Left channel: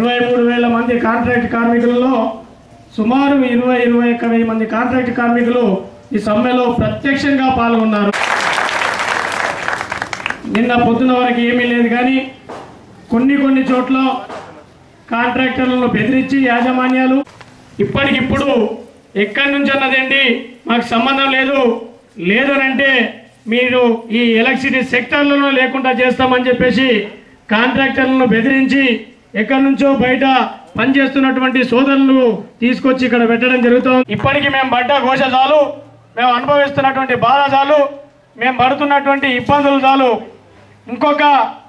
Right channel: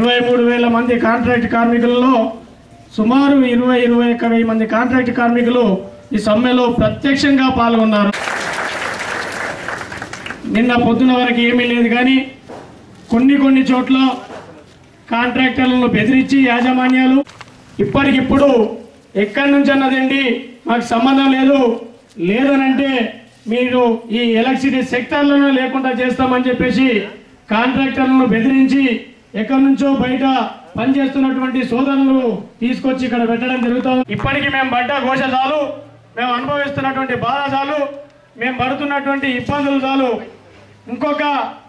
23,000 మంది కాంట్రాక్ట్ కార్మికులలో సుమారు 21,000 మంది కాంట్రాక్ట్ కార్మికులు ఈ సమ్మెలో ప్రత్యక్షంగా పాల్గొన్నారు. నిన్న పొద్దున వరకు ఏమీ లేదు, కానీ కొన్ని చోట్ల కాంట్రాక్టర్లను బెదిరించి యాజమాన్యాలు ఇప్పటికిప్పుడు ఎక్కడి నుంచి అన్నదండి మాకు సంబంధం లేదనంటే మీరు ఈ ఎలక్ట్రిసిటీ సెక్టార్లలో లేకుండా చేస్తామని చెప్పేసి కాంట్రాక్టర్లను బెదిరించి ఎక్కడి నుంచో బయట పనిచేస్తున్నటువంటి సోదరులను తీసుకొచ్చి ఇక్కడ పెట్టడం జరుగుతుంది. ఇప్పటికీ మేము పడ్డ ఘోష చాలు, మేము అనుభవిస్తున్నటువంటి బాధ చాలు, మేము పడుతున్నటువంటి ఇబ్బందులు చాలు. ఇంకొక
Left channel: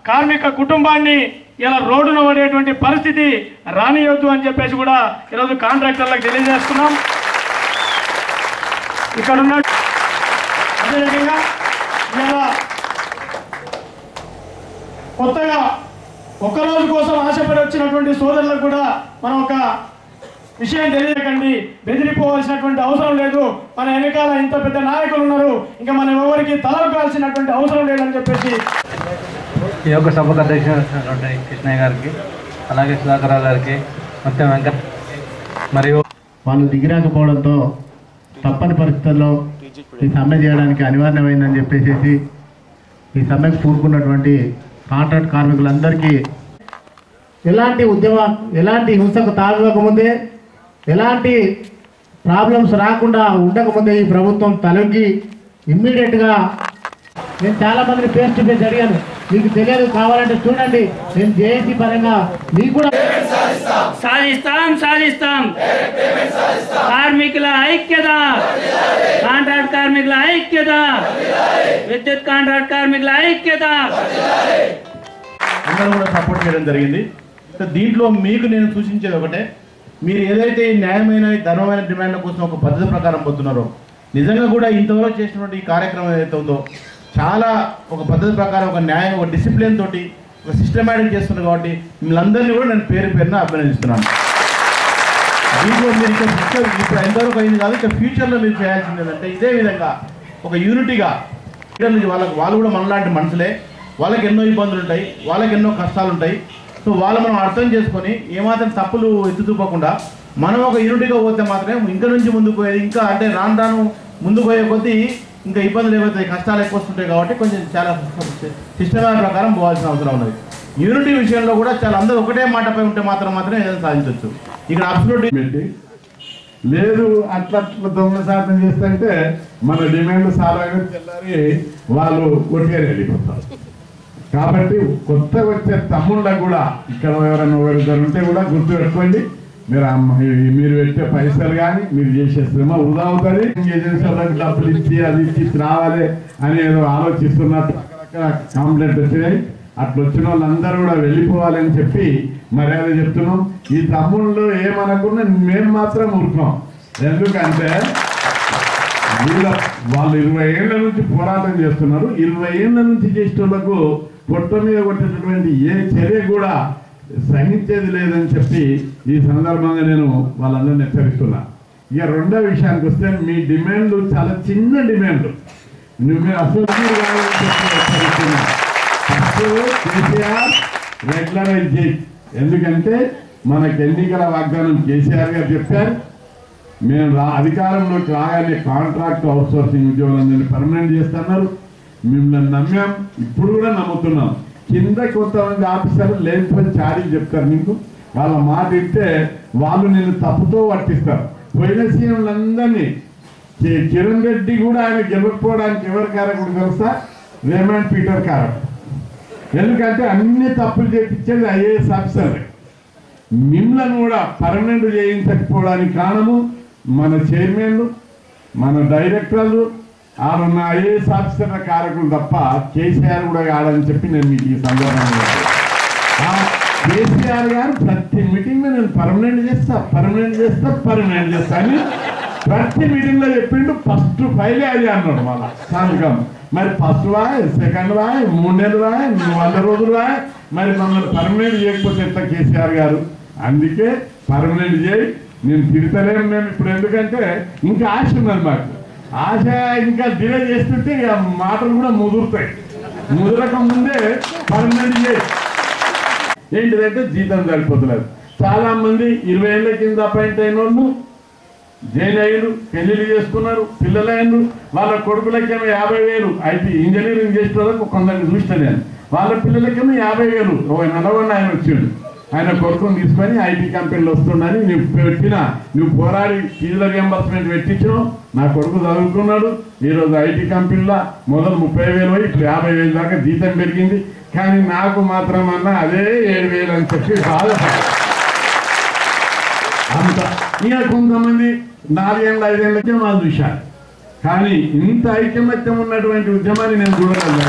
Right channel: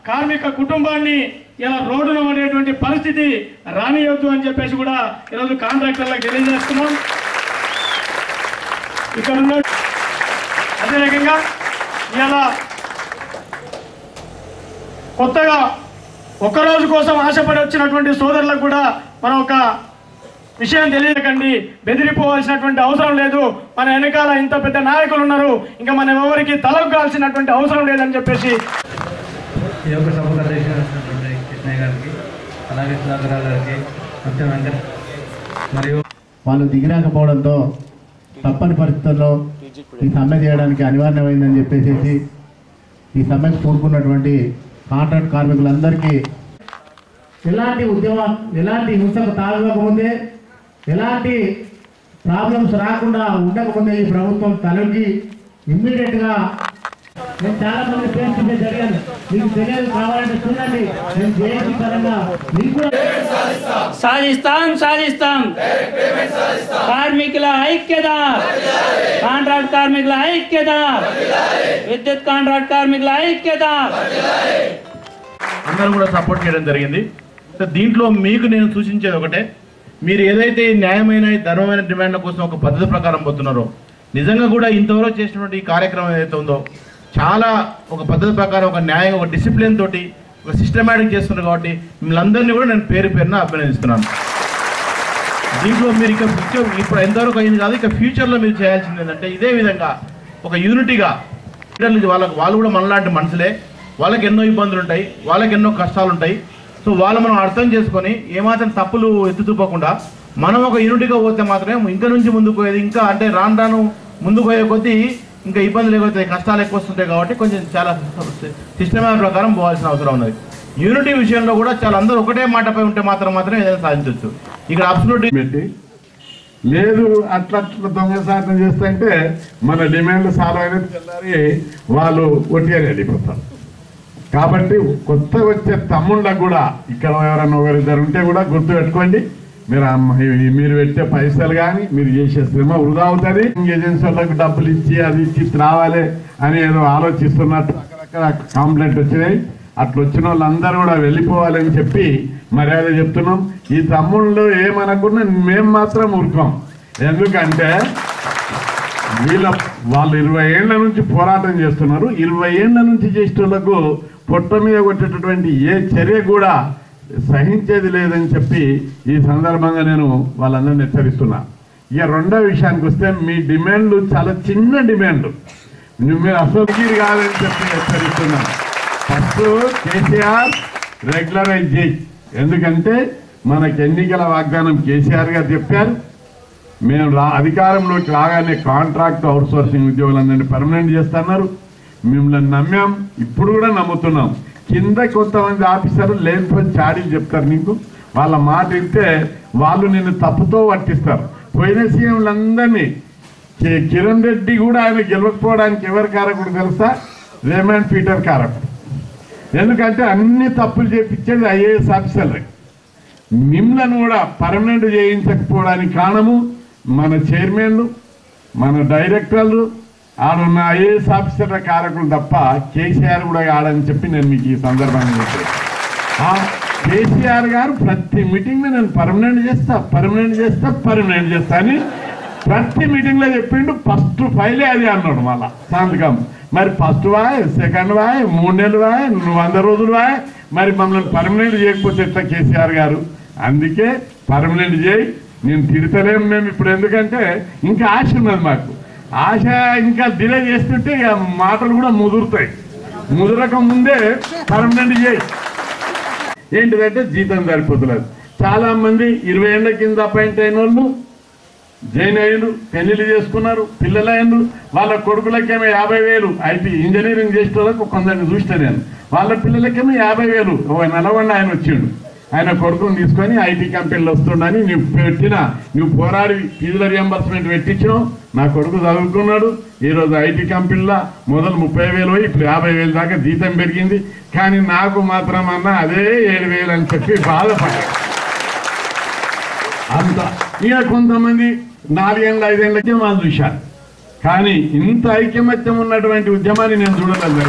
కార్మిక కుటుంబాన్ని ఇలా రోడ్డున పడేటువంటి పరిస్థితి రానియొద్దు అని చెప్పేసి కూడా ఈరోజు కాంట్రాక్టర్లకు తెలియజేస్తున్నాం. ఇక్కడ ఉన్న అదే రకంగా ఇలా కొత్తగా ఒక్కరోజు కోసం ఆశపడి వచ్చినటువంటి సోదరులకు కూడా మనం ఒక విషయం తెలియకండి, బెదిరిపోవాల్సినటువంటి అవసరం లేదు. మన వెనకాల ఇంత పెద్ద నాయకులు ఉన్నారు, ఇంకా మనం ఎవరికి తలకాల్సినటువంటి అవసరం లేదని చెప్పేసి ఈ యొక్క సభకు అధ్యక్షుడు కృష్ణయ్య గారికి, అలాగే సుధాకర్రావు గారికి, మొత్తం వెంకట మరియు వాళ్ళు దిగిరాకపోవడంతో తప్పని పరిస్థితుల్లో ఈ సమ్మె చేయడానికి అనివార్యమైందని చెప్పేసి ఈ సమ్మెకు కూరుకున్నటువంటి కాంట్రాక్ట్ కార్మికులందరికీ ఎలాంటి హింసకు తాగకముందే, ఎలాంటి ప్రాబ్లమ్స్ రాకుండా ఉండకముందే ఈ ప్రభుత్వం తలొగ్గి ఇమ్మీడియట్గా నేను చాలా మందిని ఫేస్ టు ఫేస్ అడిగాను, మీకు తెలియదు కావాలంటే చూడండి, నేను జేఏసీ పరంగా మీకు కూడా సాధిస్తాం కార్మికుల ఐక్యత, కాంట్రాక్ట్ కార్మికుల ఐక్యత, విద్యుత్ కాంట్రాక్ట్ కార్మికుల ఐక్యత అందరూ కూడా సపోర్ట్ చేయడం జరిగింది. దీంట్లో మీకు నేను సూచించేది ఒకటే, మీరు ఏదైతే న్యాయమైన ధర్మమైన డిమాండ్ల కోసం ఒక పద్ధతి ప్రకారం పోతున్నారో, నిజంగా కూడా ఇంతవరకు చేసినటువంటి ఈ కార్యక్రమం ఏదైతే ఉందో చాలా ఒక పద్ధతి ప్రకారం ఒక న్యాయం, ఒక డిసిప్లిన్ తోటి ఒక సిస్టమేటిక్ చేస్తున్నారు. కాబట్టి మిమ్మల్ని కూడా నేను పేరున అభినందిస్తున్నాను. దీంట్లో మీరు ఇప్పుడు ఎంతవరకు అయింది కాదు, ఇక ఫ్యూచర్లో మీరు చేయాల్సింది ఏంటంటే ఇదే విధంగా ఒక యూనిటీగా వాళ్ళు కూడా మనలాంటి మనుషులే, వాళ్ళకి ఎన్నో ఇబ్బందులు ఉంటాయి, వాళ్ళకి ఎన్నో కష్టాలు ఉంటాయి. సో వాళ్ళు మనం అర్థం చేసుకొని ఏమాత్రం తప్పులు ఎత్తుతూపోకుండా మనం ఒక యూనిటీగా పోతే మాత్రమే ఇంకా నుంచి ముందుకు పోయేది. ఇంకా అంటే రాను ముందుకు పోయే కొద్దీ ఇంకా ఇబ్బందులు ఎక్కువైతాయి, కష్టాలు ఎక్కువ వస్తుంటాయి. కాబట్టి కొంచెం చాలా సిస్టమేటిక్ ప్రకారం పోవాల్సిన అవసరం ఉన్నది. యూనిటీ విషయంలో కూడా చాలా అందరూ ఒకటే మాటపై ఉంటే మాత్రమే ఏదైనా సాధించవచ్చు. ఇక్కడ అబ్సల్యూట్ లేదు అట్లా దొంగ సాధన చేస్తుంటే మన డిమాండ్ సాల్వ్ అయిన తెల్లారి వాళ్ళు ఒట్టిగానే వెళ్ళిపోతారు. కాబట్టి కొత్తగా వచ్చే తమ్ముళ్ళకు కూడా ఇక్కడ ఎవరైనా ఒకరిద్దరు ఉంటే కూడా గుర్తు పెట్టుకోండి, మీరు పెట్టే పైసలు కానీ మీరు చేసే శ్రమ వృధా అవుతుంది. ఏజెన్సీ వాళ్ళకి డబ్బులు ఇచ్చి అది ఇచ్చి రావాలి అని ఏదో ఆలోచిస్తున్నట్టు అక్కడక్కడ కంప్లైంట్ వచ్చినాయి. అట్లా వచ్చిన వాళ్ళందరూ కూడా వెళ్ళిపోవాలని చెప్పి మర్యాద చెప్తున్నాం. ఈ తమ్ముళ్ళు ఏమనుకున్నా మేము మాత్రం ఊరుకోం. ఎందుకంటే వాళ్ళు 20 ఏళ్ల నుంచి పోరాటం చేస్తున్నారు. 20 ఏళ్ల నుంచి చేసేటోళ్లకు పొట్ట మీద కొట్టేటటువంటి ఏ చర్య కూడా సహించేది లేదని చెప్పి ఈ సందర్భంగా నేను వాళ్ళందరినీ హెచ్చరిస్తున్నా. ఇక రెండో విషయానికి వస్తే మీ డిమాండ్లు చాలా చిన్న డిమాండ్లు, మీరు అసలు కాదని చెప్పి హెచ్చరిస్తున్నా. ఫస్ట్ కేసీఆర్ రెగ్యులరైజ్ చేయి, ఎందుకంటే మనకు ఎన్నికల వాగ్దానం కేసీఆర్ గారు చెప్పారు. మేము అధికారంలోకి రాగానే కాంట్రాక్ట్ అవుట్సోర్సింగ్ ఉద్యోగులందరినీ పర్మనెంట్ చేస్తున్నారు. మిమ్మల్ని నమ్మాం, ఇప్పుడు కూడా నమ్ముతున్నాం. కింద కొంతమంది ఆఫీసర్లు లేనిపోయి చాడీలు చెప్తారు నీకు, వాళ్ళ మాట వింటే వాళ్ళు నిన్ను తప్పుతో పట్టిస్తారు. పోయిన సీఎంలందరినీ కిరణ్ రెడ్డి కూడా ఆయన గెలవకపోవడానికి ఎవరు కారకుడు తెలుసా? రేమండ్ పీటర్ కారకుడు. ఎందుకంటే అన్ని తప్పులు చేపించేది ఐఏఎస్ ఆఫీసర్లే. మిమ్మల్ని కూడా పర్మనెంట్ చేయించకపోవడానికి కారణము మన చైర్మన్లు, మన డైరెక్టర్లు, ఆడున్న ఐఏఎస్ ఆఫీసర్ల కారకులు తప్ప కేసీఆర్ కూడా కాడని చెప్పి నేను మీకు ఈ సందర్భంగా కేసీఆర్ గారు ప్రతి మీటింగ్లో నేను పర్మనెంట్ చేస్తా అని ప్రతి మీటింగ్లో చెప్పిండు. ఫస్ట్ ఫైలే అది అన్నాడు మళ్ళా సంతకం. మరి ఫస్ట్ వాయ్, సెకండ్ వాయ్, 3 నెలలు వాయ్, 100 రోజులు వాయ్, మరి మమ్మల్ని పర్మనెంట్ చేయకపోతే ఎట్లా కేసీఆర్ గారు? అందుకే పర్మనెంట్ చేయి, నేను తిడతలేము మేము ఇప్పుడు. ఎందుకంటే ఇంకా ఆశ ఉన్నది మాకు. ఆశ ఇంకా డిలే చేస్తుంటే ఇక మాటలు కూడా ముదురుతాయి. ముదరక ముందే పర్మనెంట్ చేయి. ఏంటిదంటే జీతం సరిపోతులేదు. చాలా మంది 20 ఏళ్ల కింద అపాయింట్ అయిన వాళ్ళు జాయిన్ అయ్యారు, పెళ్లిళ్ళు చేసుకున్నారు, పిల్లలు అయ్యారు. వాళ్ళ కొడుకులకేమో 50,000 ఐటీ ఇంజనీరింగ్ చేసే వాళ్ళకు కొందరిని చూస్తే నేను వాళ్ళ పిల్లలకేమో 50,000. నల్గొండ ఆయన వచ్చిండు, ఆయన కొడుకుని తీసుకొని ఐటీ కంపెనీలు వస్తుండని నువ్వు పోరాడి ఫీజుల రియంబర్స్మెంట్ పెట్టించినావు. నా కొడుకు చదువుకున్నాడు, ఈరోజు ఐటీ కంపెనీలో మొదలు 30,000 ఇప్పుడు 50,000 దాకా జీతం పెరిగింది. కానీ నాకు మాత్రం అన్నా అదే 7,000 అని చెప్పి బాధపడ్డా. అంత ఇక కొంతమంది 4 ఏళ్ళ 5 ఏళ్ళకే వాళ్ళు చూశారు. కానీ ఇంత ఐకమత్యం ఉన్నటువంటి ఉద్యమాన్ని నేను చూడలేదు.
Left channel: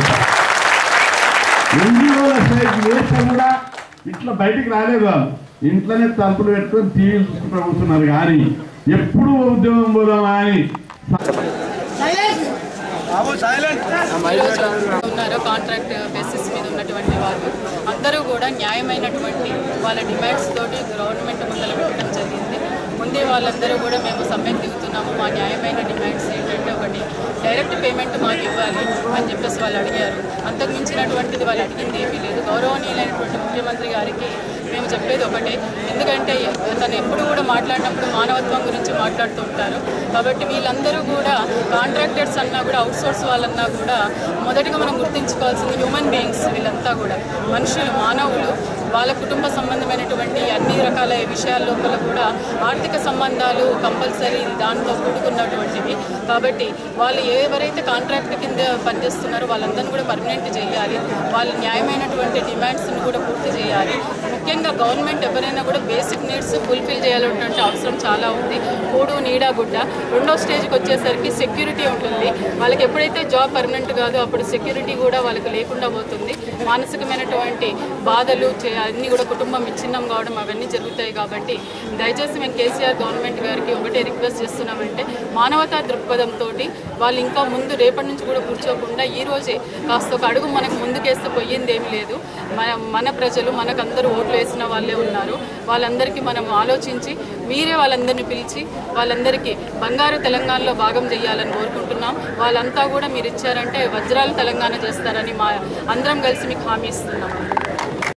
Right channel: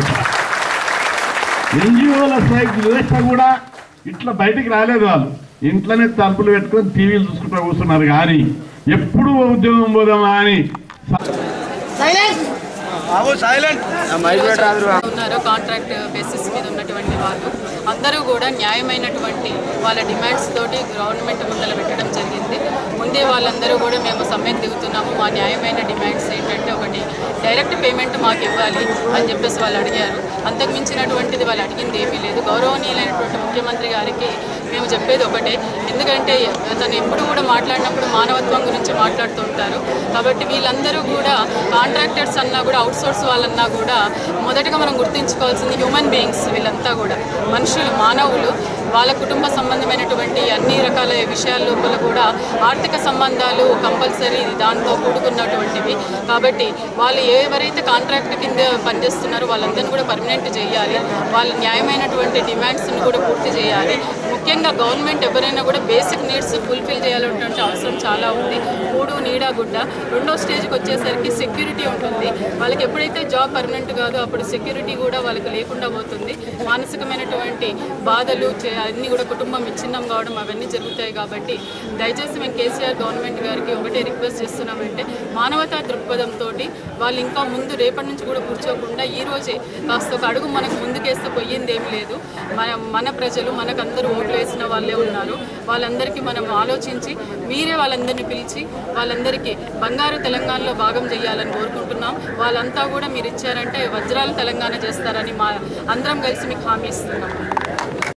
ఎన్జిఓల సైడ్ వ్యవస్థ కూడా ఇట్లా బయటికి రాలేదు. వాళ్ళు ఇంట్లోనే తలుపులు పెట్టుకొని టీవీలు చూసుకుంటూ కూర్చున్నారు. కానీ ఎప్పుడు ఉద్యోగం పోదామా అని ఉన్నారు. కాంట్రాక్ట్ బేసిస్ మీద ఉన్నటువంటి వాళ్ళు అందరూ కూడా న్యాయమైనటువంటి వాళ్ళ డిమాండ్స్ తోటి గవర్నమెంట్ ముందర పెట్టడం జరిగింది. ముందే వాళ్ళందరూ కూడా మేము సమ్మెకు దిగుతున్నాము, మా న్యాయమైన డిమాండ్స్ ఏంటంటే ఒకటి డైరెక్ట్ పేమెంట్ మాకు ఇవ్వాలి అని చెప్పేసి వాళ్ళు అడిగారు. అంతకు మించినటువంటిది వాళ్ళు అడిగింది ఏమీ లేదు. గౌరవనీయులైనటువంటి ముఖ్యమంత్రి గారికి మేము చెప్పేది ఒకటే, ఎందుకంటే తను ఎప్పుడు కూడా మాట్లాడినప్పుడు మానవత్వం గురించి మాట్లాడుతూ ఉంటారు. కాబట్టి వీళ్ళందరూ కూడా కాంట్రాక్టర్స్ అన్నా కూడా అవుట్సోర్స్ వాళ్ళన్నా కూడా మొదటగా మనం గుర్తుంచుకోవాల్సింది హ్యూమన్ బీయింగ్స్. వీళ్ళంతా కూడా మనుషులు, మానవులు. వాళ్ళ కుటుంబ సంబంధమైనటువంటి అన్ని రకాల విషయాల లోపల కూడా ఆర్థిక సంబంధాలు కంపల్సరీ దాంతో కూడుకున్నటువంటివి. కాబట్టి వాళ్ళు ఎవరైతే కాంట్రాక్ట్ కింద పనిచేస్తున్నారో వాళ్ళందరినీ కూడా పర్మనెంట్ చేయాలి. వాళ్ళ న్యాయమైనటువంటి డిమాండ్స్ని కూడా పూర్తి చేయాలి. ముఖ్యంగా గవర్నమెంట్ ఎవరైనా కూడా బేసిక్ నీడ్స్ ఫుల్ఫిల్ చేయాలన్నటువంటి అవసరం చాలా ఉంది. కూడు, నీడ, గుడ్డ. రెండో స్టేజ్కి వచ్చేసరికి సెక్యూరిటీ ఉంటుంది. వాళ్ళకి ఎప్పుడైతే జాబ్ పర్మనెంట్ కాదో అప్పుడు సెక్యూరిటీ కూడా వాళ్ళకి లేకుండా పోతుంది. మానసికమైనటువంటి బాధలు అన్నీ కూడా కుటుంబం విచ్ఛిన్నం కావడం అవన్నీ జరుగుతాయి. కాబట్టి దయచేసి మేము కేసీఆర్ గవర్నమెంట్ గారికి ఒకటే రిక్వెస్ట్ చేస్తున్నామంటే మానవతా దృక్పథంతో వాళ్ళు ఇంకా ముందు రేపటి నుంచి కూడా కూర్చోకుండా ఈ రోజే కాస్త ఒక అడుగు మనకు ముందుకేస్తే పోయింది ఏమి లేదు. మన ప్రజలు మనకందరూ ఓట్లు వేసిన వాళ్ళే ఉన్నారు. వాళ్ళందరికీ మనం ఆలోచించి మీరే వాళ్ళందరినీ పిలిచి వాళ్ళందరికీ బంగారు తెలంగాణలో భాగం చేయాలని కోరుకుంటున్నాం. వాళ్ళంతా కూడా మీరు ఇచ్చారంటే వజ్రాల తెలంగాణ చేస్తారని అందరం కలిసి మీకు హామీ ఇస్తున్నాం.